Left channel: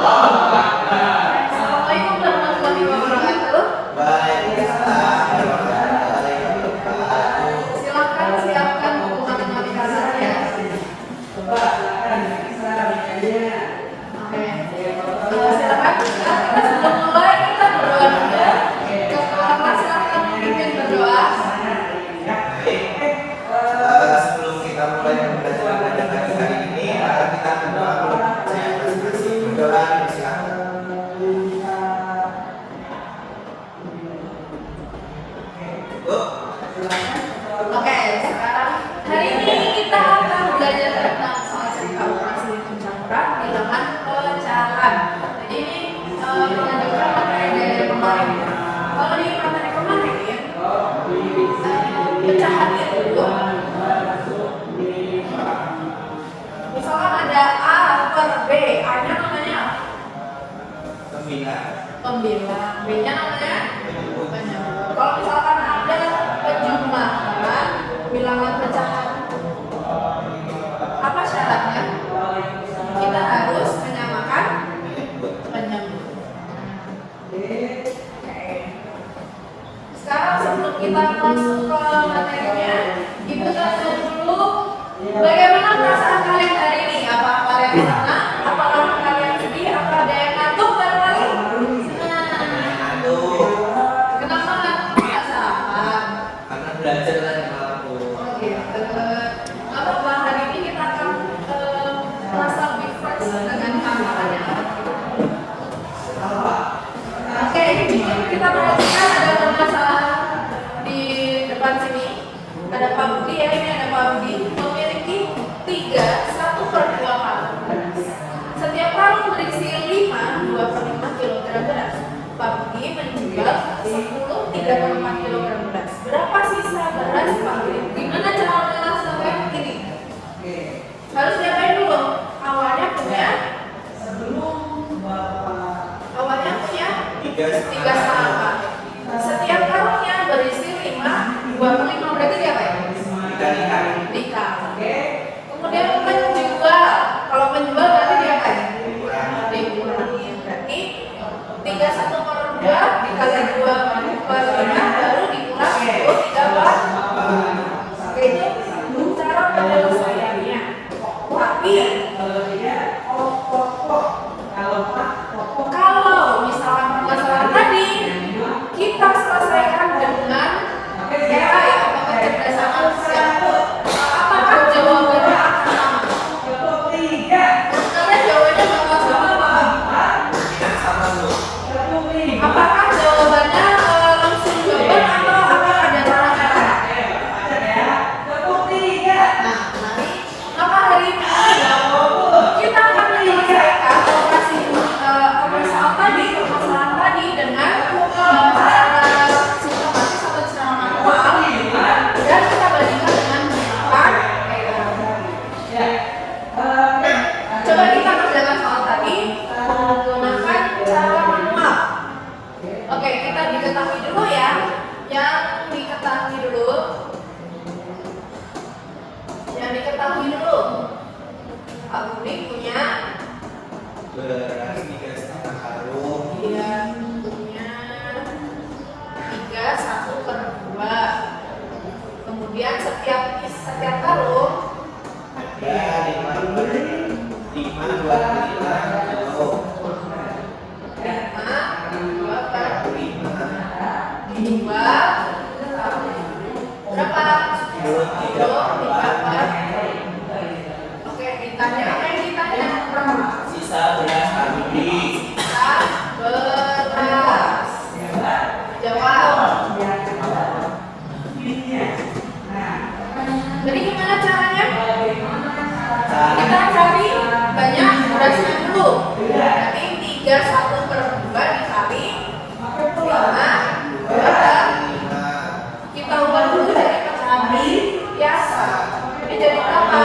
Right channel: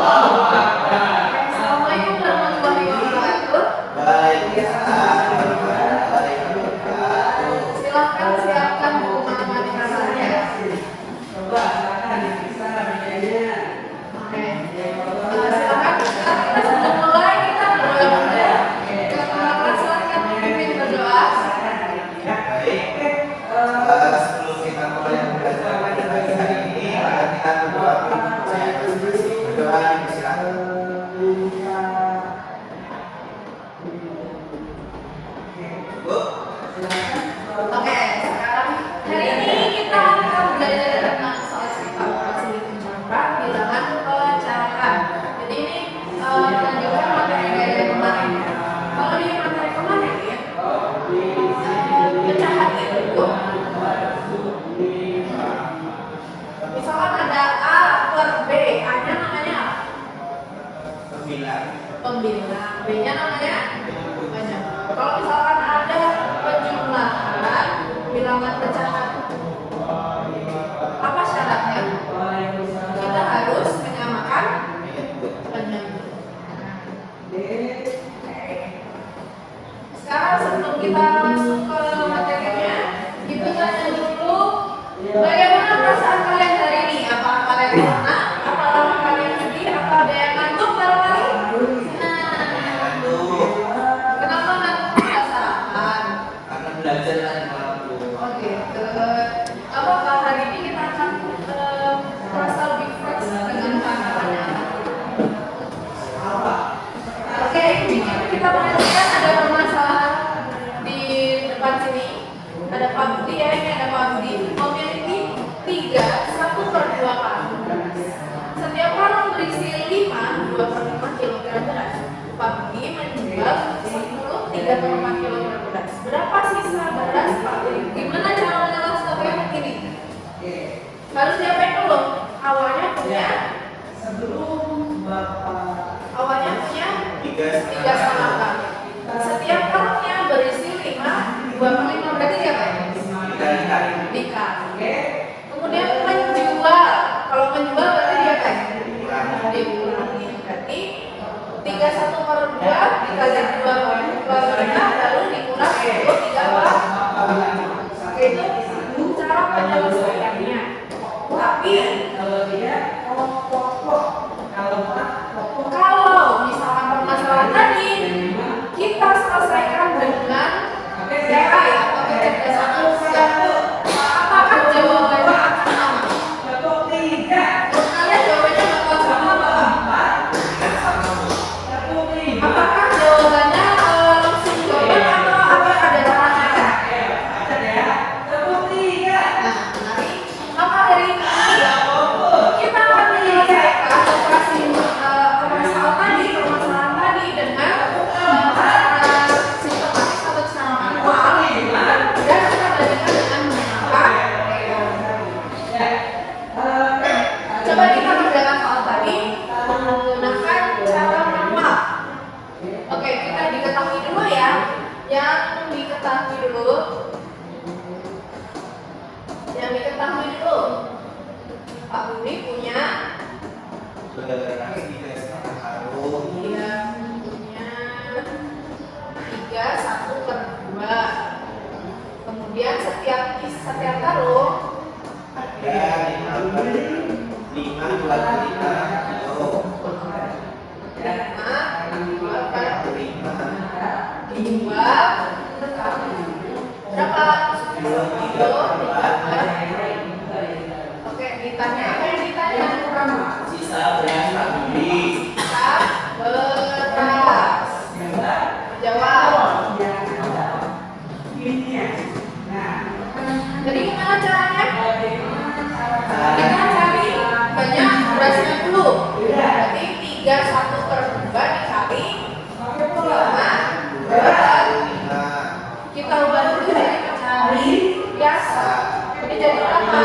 Assalamualaikum warahmatullahi wabarakatuh. Waalaikumsalam warahmatullahi wabarakatuh. Silakan siapkan buku matematika saya. Oke. Silakan. Kita sebelum mulai kita berdoa dulu. Kepala kelas silakan memimpin berdoa. Sebelum kita mulai belajar matematika hari ini, maka kita berdoa dulu. Berdoa, silakan. Oke, sekarang hari ini kita akan belajar tentang soal sifat masih pencampuran bilangan pecahan. Jadi ini melanjutkan materi dari kemarin. Kalau di materi kemarin ya, pecahan itu misalkan ada A per B, A-nya namanya apa? Pembilang, B-nya namanya banyak. Kalau misalkan ada penjumlahan bilangan pecahan, apa syaratnya? Kita harus menyamakan penyebut. Sekarang sebelum kita masuk ke materinya, Ibu tanya dulu, bagaimana perasaan kalian hari ini? Apa kalian senang? Apa kalian sedih? Apa ada yang ngantuk barangkali? Kenapa ngantuk perasaan? Karena belajar kan malam dulu. Oh gitu. Apa hari ini kita akan merasa lebih fresh dengan tantangannya. Oke, ini kita perhatikan ada permasalahan di depan sini. Ada Pak Budi ya, ini ada Pak Budi memiliki 1/2 karung beras. Setiap karung berisi 2/5 kilogram beras. Pak Budi menjual 3/5 kilogram beras. Berapa sisa beras Pak Budi? Gimana cara menyelesaikan ini? Harus diapain dulu? Awalnya punya 3,5. Setiap karungnya berisi 25 berarti diapain? Dikali. Kemudian menjual. Kalau menjual berarti diapain? Dikurangi. Berarti 31/2 dikali 2/5 baru dikurangi 23/5. Oke, itu cara penyelesaiannya. Tapi kalau misalkan permasalahan tadi kita selesaikan dengan cara ya pakai kecerdasan manusia, apakah jawabannya akan sama? Kalian jawabannya bakal sama? Apakah jawabannya langsung jawaban atau akan ada cara-cara? Nah, maka hari ini kita akan menyelesaikan permasalahan tadi dengan cara sistematis atau secara manual, dan kita bandingkan dengan menggunakan coba kita kerjakan soal tadi menggunakan cara manual. Oke, kita diketahui dulu ya. Yang diketahui dulu Pak Budi punya Beras 3,5 karung. dia punya 1/2. Kemudian setiap karung Ada 5/5 kilo. 5/2 dijual berapa? 3/4. Oke, ditanya apa yang ditanya? Sisa beras Budi. Sisa beras. Jawab. Jadi gimana caranya? Kita cari banyak berasnya dulu. Berarti 31/2 dikali 5/2. Kita ubah dulu jadi pecahan biasa. Ini jadi berapa?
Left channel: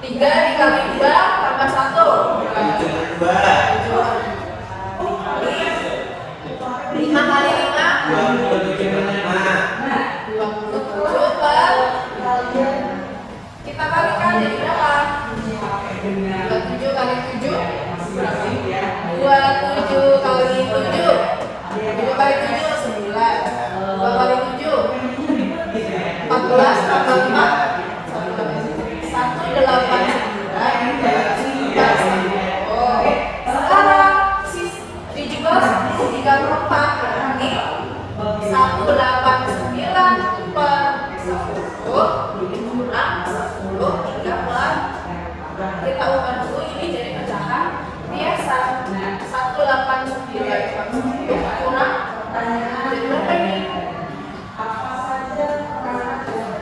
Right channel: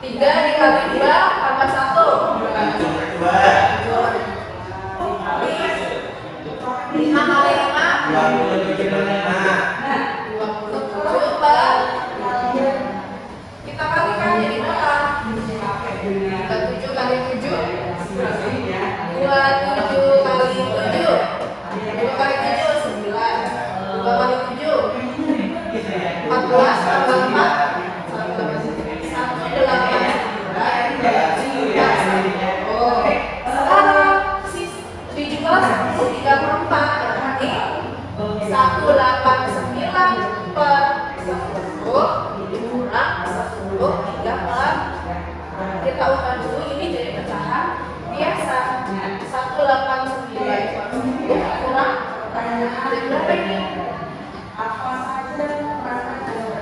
3 dikali 2 tambah 1. 5 kali 5 27 per kita kalikan jadi berapa? 27 kali 7 27 kali 7. 7 kali 7 9. 2 kali 7 14 tambah 4 sekarang 17/3/4 berarti 189 per 10 kurang 10 3/4. Kita ubah dulu ini jadi pecahan biasa. 189 per 10 kurang jadi berapa ini?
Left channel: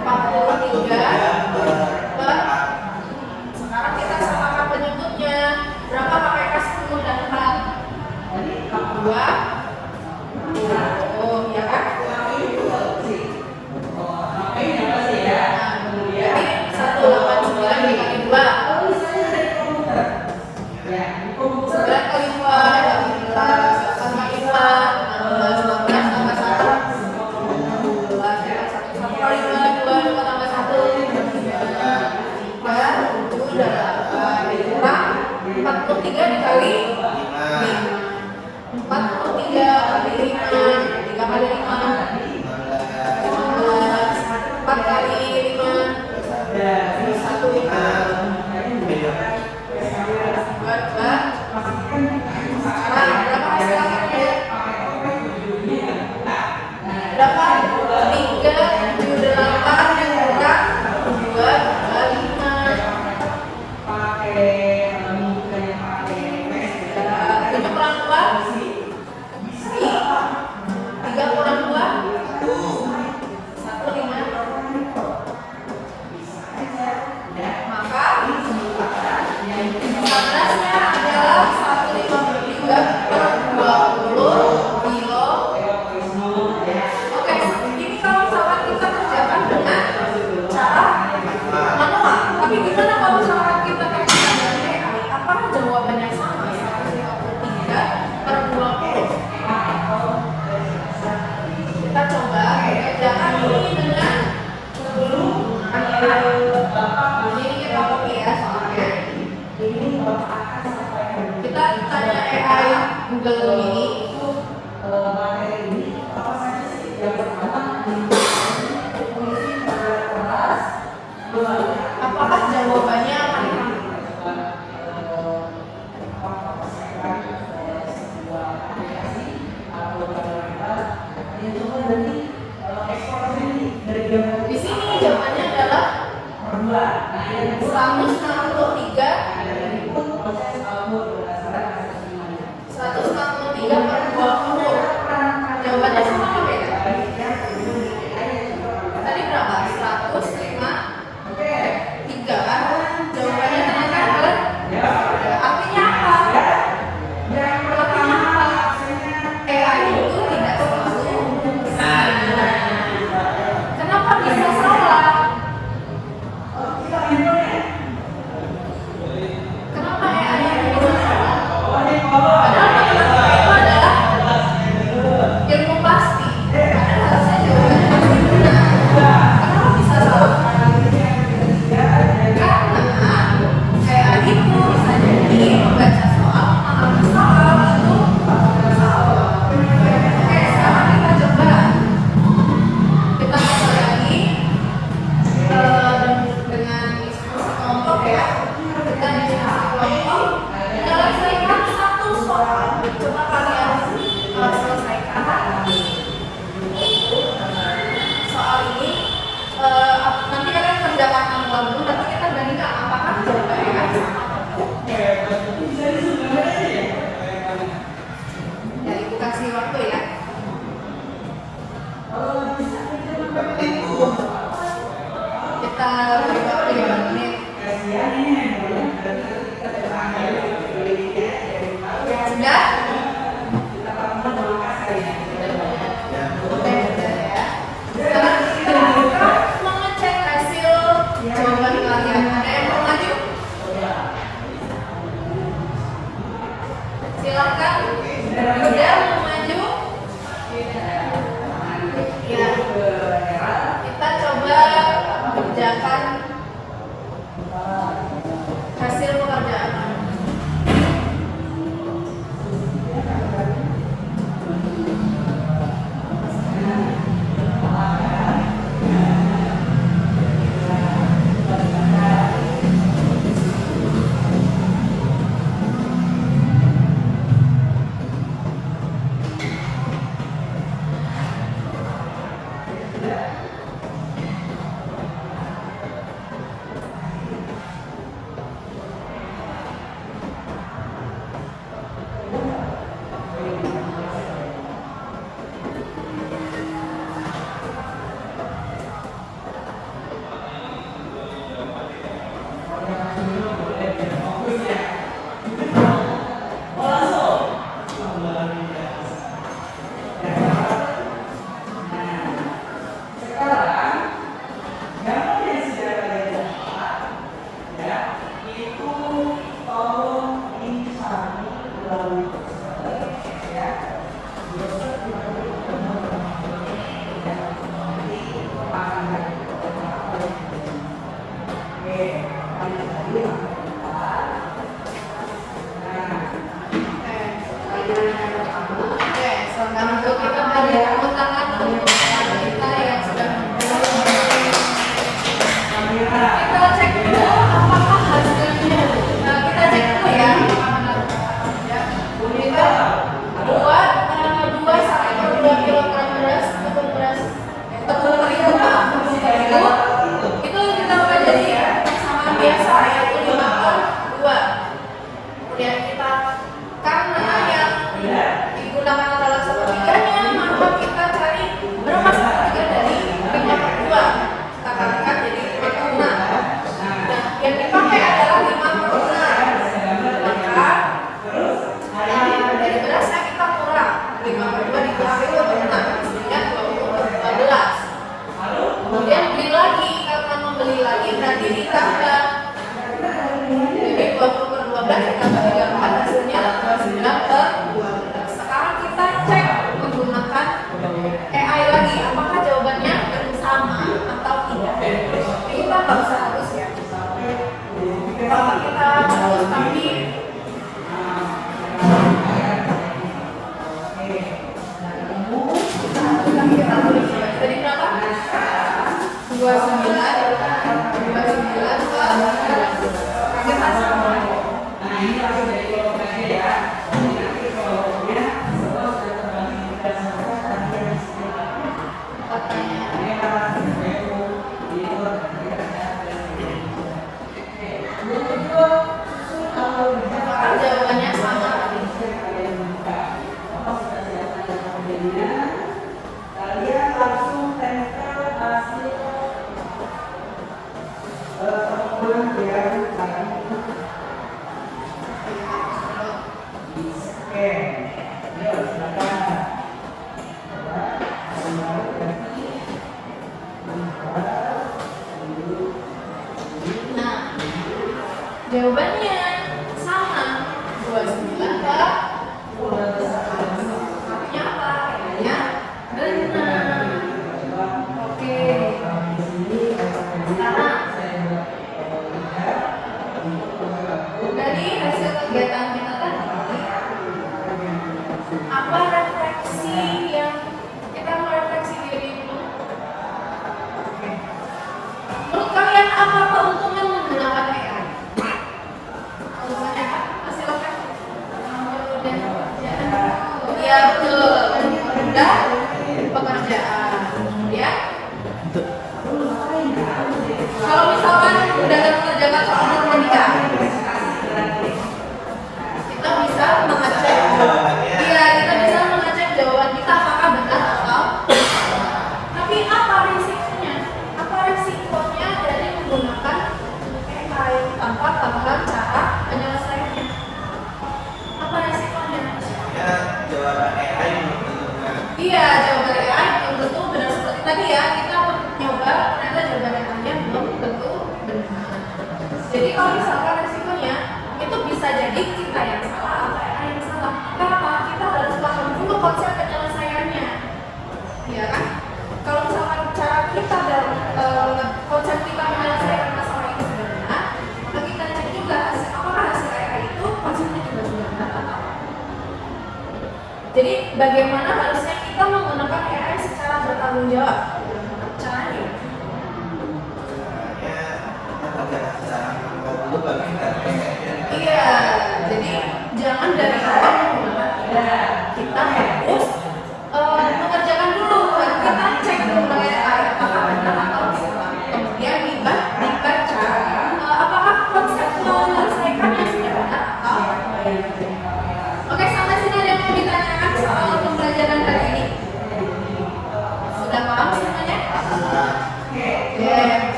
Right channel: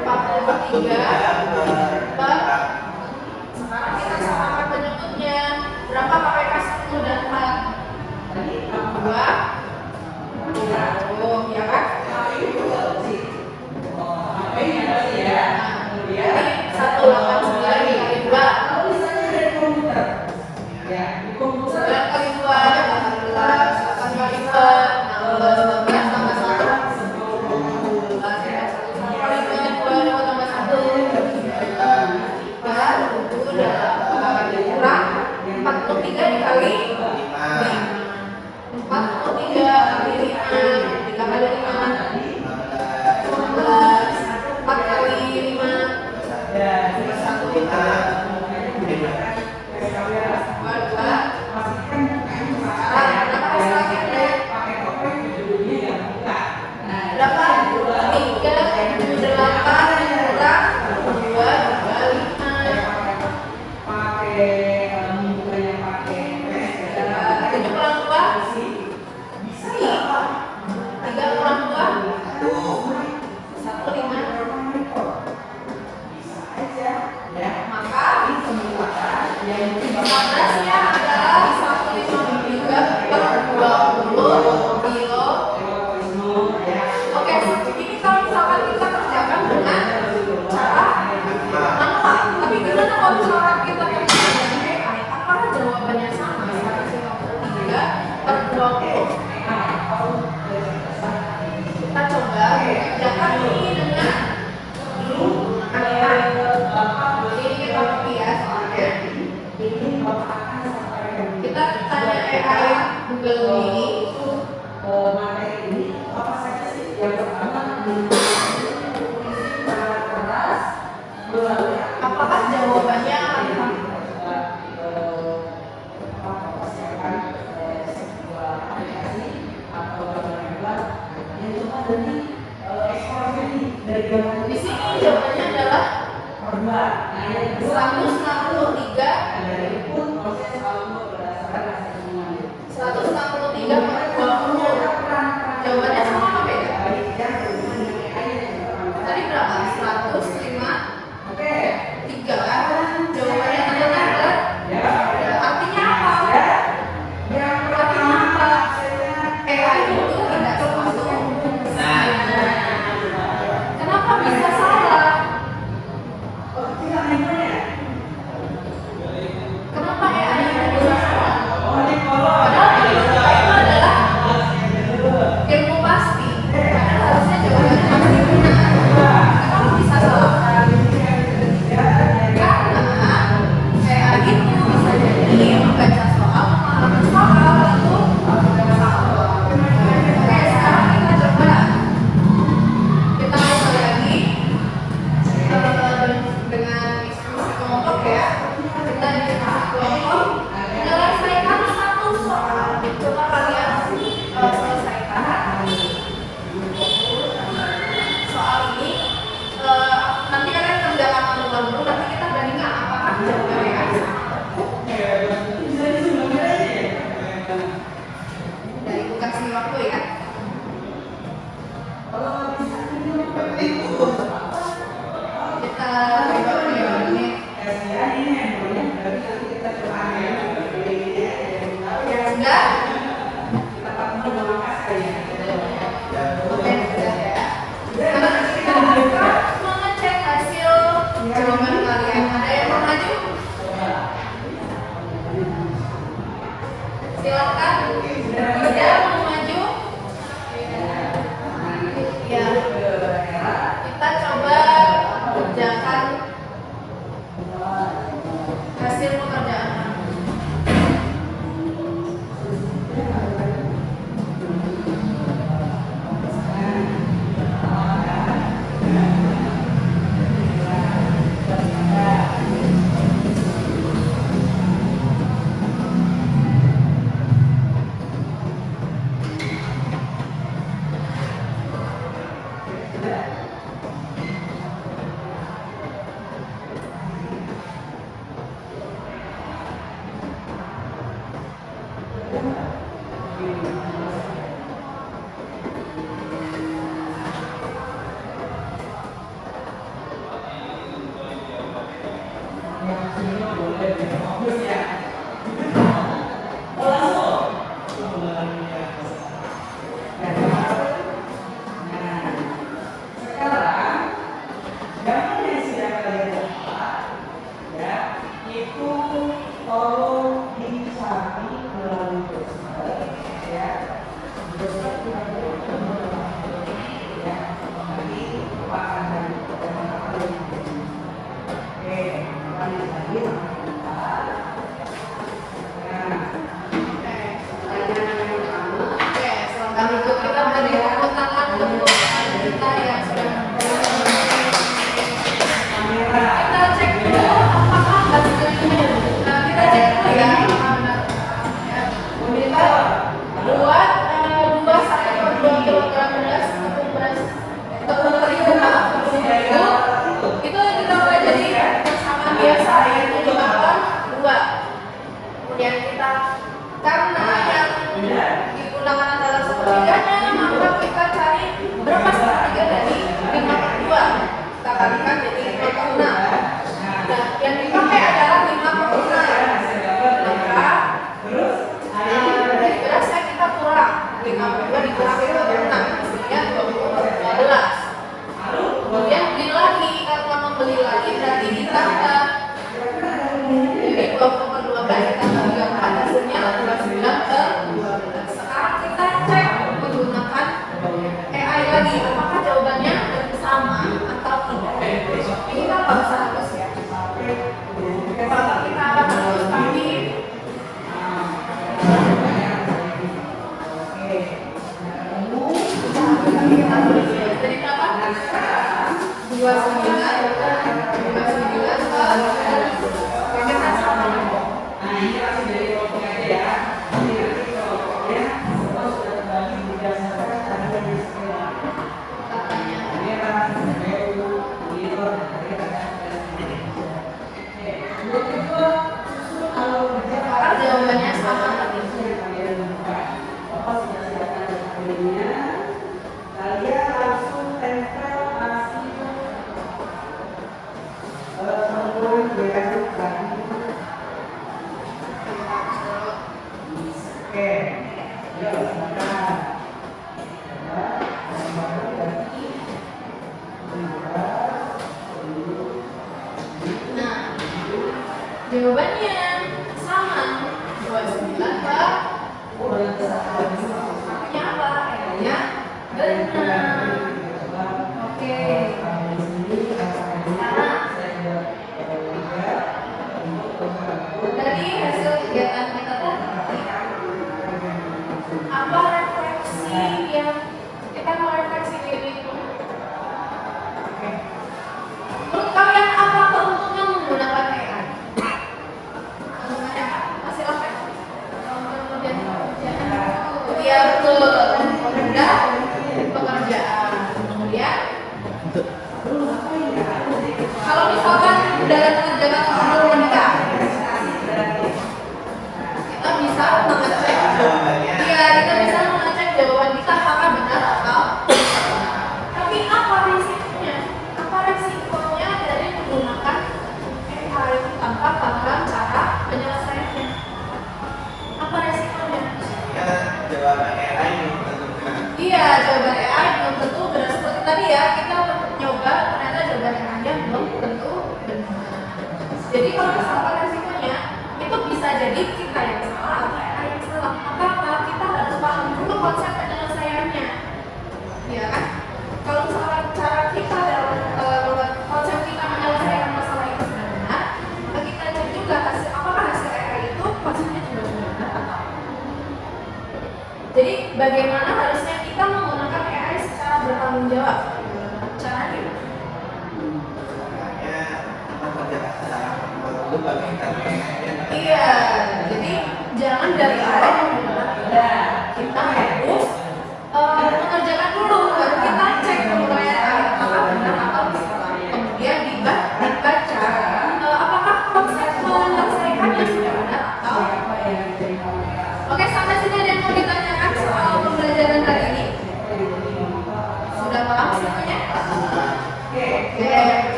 43 per. Sekarang kita samakan penyebutnya. Berapa pakai kasih mudahkan? 2. Oh, ya kan? Jadi 189 dikali 2. 9 kali 2 18. 8 kali 2 16. 12 tambah 1 1 kali 2 2 tambah 1 3 kurang 43 dikali 5. 43 kali 5 3 kali 5 15. 4 kali 5 1 2 berapa hasilnya? Berapa? 3 8 kurang 2 tambah 5. 7 kurang 2 3 kurang 2 1 5. Maka 15-nya adalah 153/20 kilo. Oke, ini kalau misalkan kita kerjakan dengan cara manual, tapi gimana kalau misalkan kita kerjakan dengan AI? Apakah jawabannya sama? 153/20. Kita coba kerjakan ini dengan ini kita copy ya soalnya. Kita tanya AI Google ini. Apakah jawabannya akan sama? Di sini jawabannya adalah 163/20. Jawabannya sama apa beda? Tadi berapa? 105 3 kan? Jawabannya teman kan? Artinya apa? Artinya apa? AI itu tidak selalu benar. Kenapa bisa salah? Kenapa AI itu bisa salah? Padahal matematika itu adalah ilmu pasti. Padahal harusnya jawabannya pasti benar. Kenapa bisa salah? Karena AI itu bisa jadi membaca soal, memahami soal, lalu salah. Oke, sekarang kita coba lagi dengan diskusi kelompok ya. Kita diskusi kelompok menyelesaikan satu soal. Coba kalian selesaikan soal ini. Nanti kalian kerjakan manual dulu. Nanti kita bandingkan apakah jawabannya sama. Ya, ibu kasih waktu ya. Kita beri waktu 5 menit. Sudah? Oke, sudah ya. Sekarang kita mau ngecek hasil jawaban kalian. Ada yang mau maju? Silakan. Sudah mau maju? Ya. Kita coba kerjakan hasil pekerjaan. Oke, selanjutnya kita beri tepuk tangan untuk kita yang sudah kita cek dulu apakah hasilnya. Nah, kita cek dulu ya. Kita buat 2 kilogram beras, tepung terigu, itu kita mulai dari persamaan biasa yaitu 5 per 2. Kemudian kita karena yang digunakan adalah sepertiganya, maka kita cari berapa sepertiga dari 5 per 2. Kita kalikan jadi 5 per 6. Nah, yang dipakai adalah 5 per 6. Maka dari berasnya kita kurang 5 per 2 dikurang 5 per 6 sehingga 20 per 15. Kemudian beli lagi, karena membeli lagi berarti ditambah. Jadi 20 per 12 ditambah 34 hasilnya 29 per 12. Sekarang kita cek menggunakan AI lagi, apakah jawabannya sama atau tidak. Kita nggak usah harus ya. Kalau kita harus tapi kita tulis tadi berapa? 29 kita sama. Jawabannya sama. Kalian langsung tempel hasil temuan yang tadi di scan. Ya, silakan. Nah, jawabannya sama 29 per 12. Artinya apa? Artinya benar. Oke. Dari hasil kegiatan kita tadi, apa refleksi yang kita mau refleksi diri dulu? Menurut kalian apa keuntungan menggunakan AI? Keuntungannya apa? Hasil apa? Kemudian iya betul, mudah pekerjaan. Kemudian kalau misalkan udah ada mengerjakan soal matematika, kita bisa mengecek. Iya, kita bisa mengecek jawaban kita apakah benar atau salah. Tapi apa risikonya? Apa risikonya dari menggunakan AI tanpa tambahan cara penyelesaiannya? Apa risikonya? Ya, jawaban AI belum tentu kan. Iya, jawaban AI belum tentu benar seperti tadi ya. Kita nyoba ternyata jawaban AI-nya belum tentu benar. Jadi kalau misalkan risikonya itu bisa jadi kita yang salah atau AI yang salah. Maka apa? Kita harus paham dulu konsep penyelesaiannya. Iya kan? Kalau misalkan cara kita dalam konsep kita menyelesaikan masalah itu sudah benar, maka kita cek juga apakah hasil AI itu konsepnya juga benar atau tidak. Jadi bagaimana harusnya kita menggunakan AI secara bertanggung jawab? Caranya? Ya, kita kerjakan secara manual dulu baru kita Iya, jadi jangan dari awal menggunakan AI. Kita harus mengerjakan dulu, baru kita cek menggunakan AI apakah benar atau salah. Kemudian dibaca apakah konsep menyelesaikannya sudah benar atau. Oke, sama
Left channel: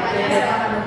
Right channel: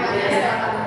temanya sedang ada